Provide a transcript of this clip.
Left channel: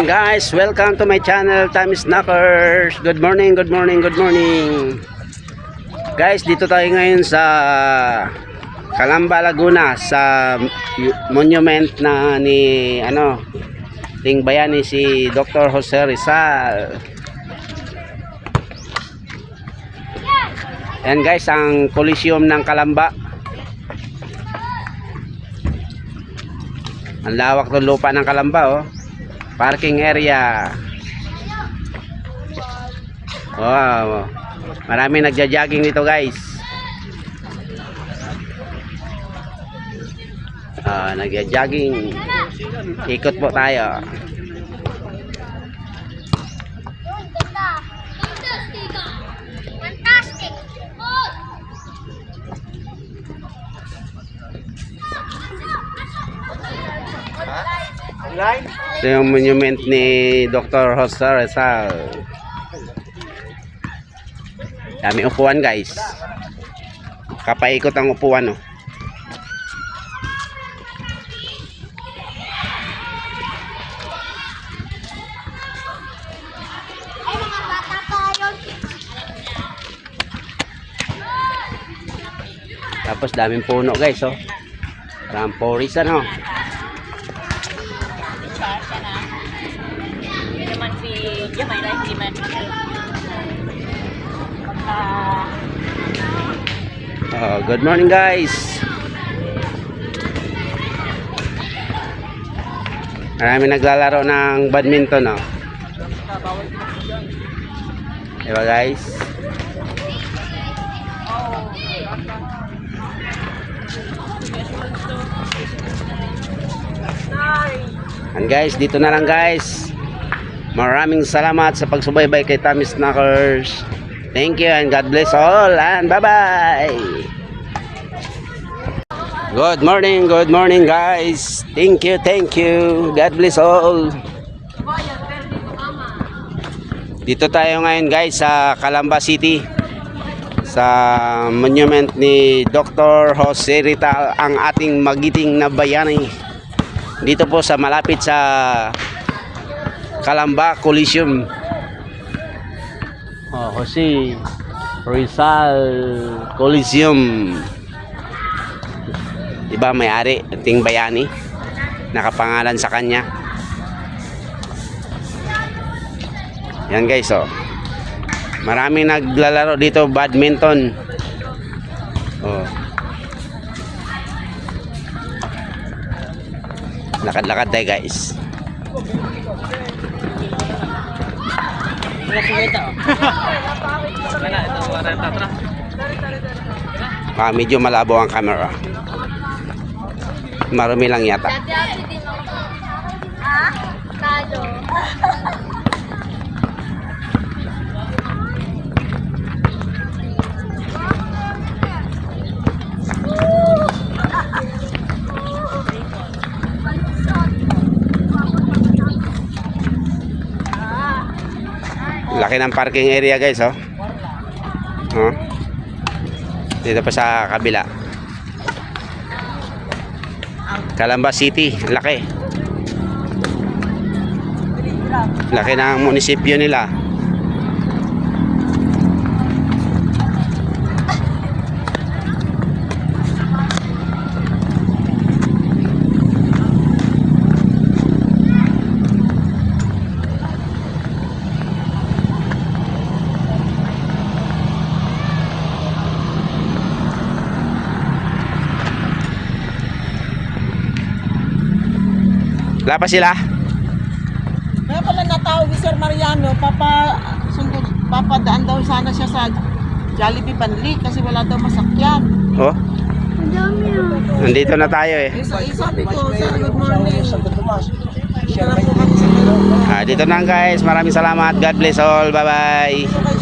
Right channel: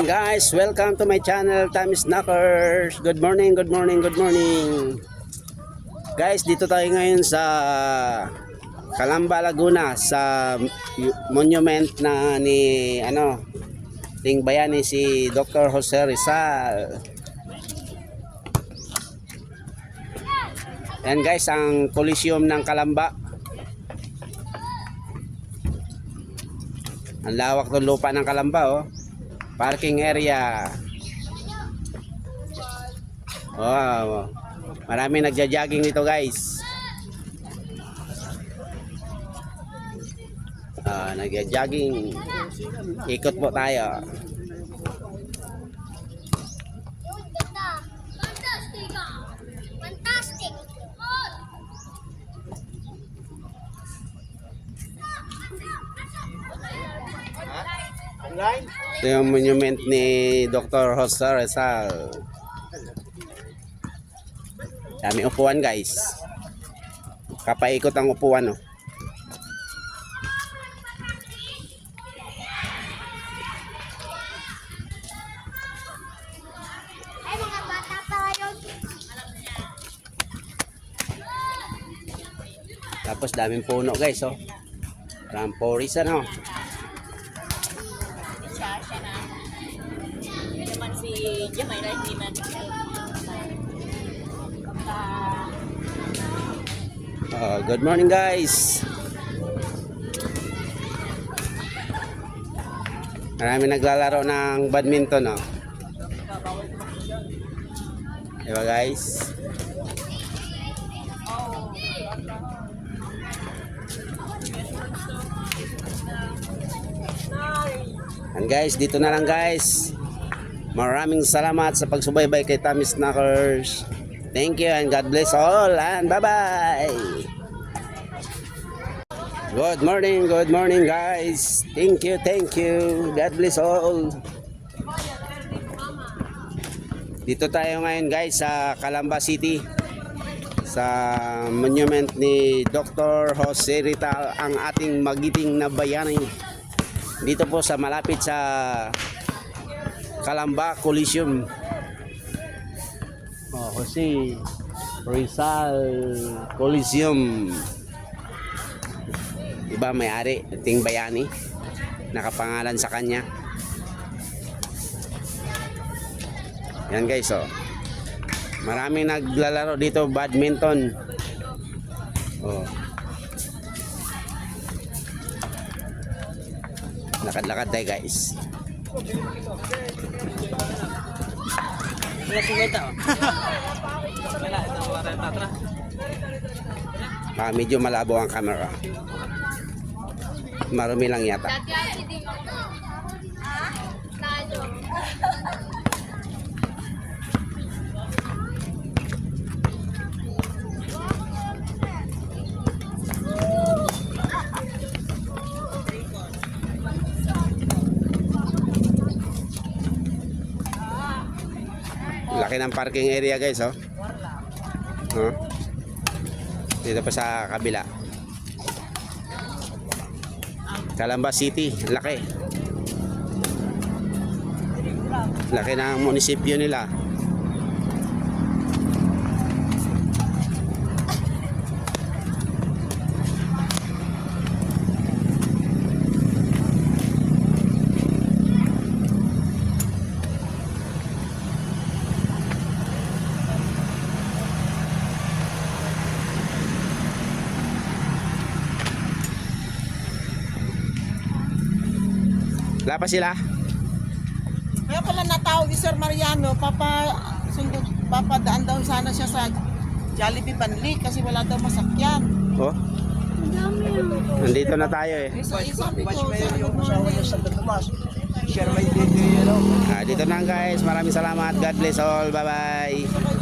Yan guys, welcome to my channel, Time Snackers. Good morning, good morning, good morning. Guys, dito tayo ngayon sa Calamba, Laguna sa monument na ni ano ting bayani si Dr. Jose Rizal. Yan guys, ang Coliseum ng Calamba. Ang lawak ng lupa ng Calamba oh. Parking area. Wow. Marami nagja-jogging dito, guys. Ah, nagja-jogging. Ikot po tayo. Ito yung monument ni Dr. Jose Rizal. Dami upuan, guys. Kapaikot ang upuan, oh. Tapos daming puno, guys, oh. Parang forest. Yun naman si Jamay na hindi man. Oh, good morning, guys. Marami naglalaro ng badminton, oh. Diba, guys? Guys, dito na lang guys. Maraming salamat sa pagsubaybay kay Tommy Snackers. Thank you and God bless all and bye-bye. Good morning, good morning guys. Thank you, thank you. God bless all. Dito tayo ngayon guys sa Calamba City sa monument ni Dr. Jose Rital ang ating magiting na bayani dito po sa malapit sa Calamba Coliseum. Oh, Jose Rizal Coliseum. Diba may-ari ating bayani. Nakapangalan sa kanya. Yan guys oh. Maraming naglalaro dito badminton lakad-lakad tayo guys. Ah, medyo malabo ang camera. Marumi lang yata. Laki ng parking area guys, oh. Oh. Dito pa sa kabila. Calamba City, laki. Laki ng munisipyo nila. Wala pa sila? Kaya pala natawag ni Sir Mariano, papa, sundot, papadaan daw sana siya sa Jollibee Banli kasi wala daw masakyan. Oh, Ang dami ah. nandito na tayo eh. Isa-isa ko, Sir, good morning. Ah, dito na guys. Maraming salamat. God bless all. Bye-bye.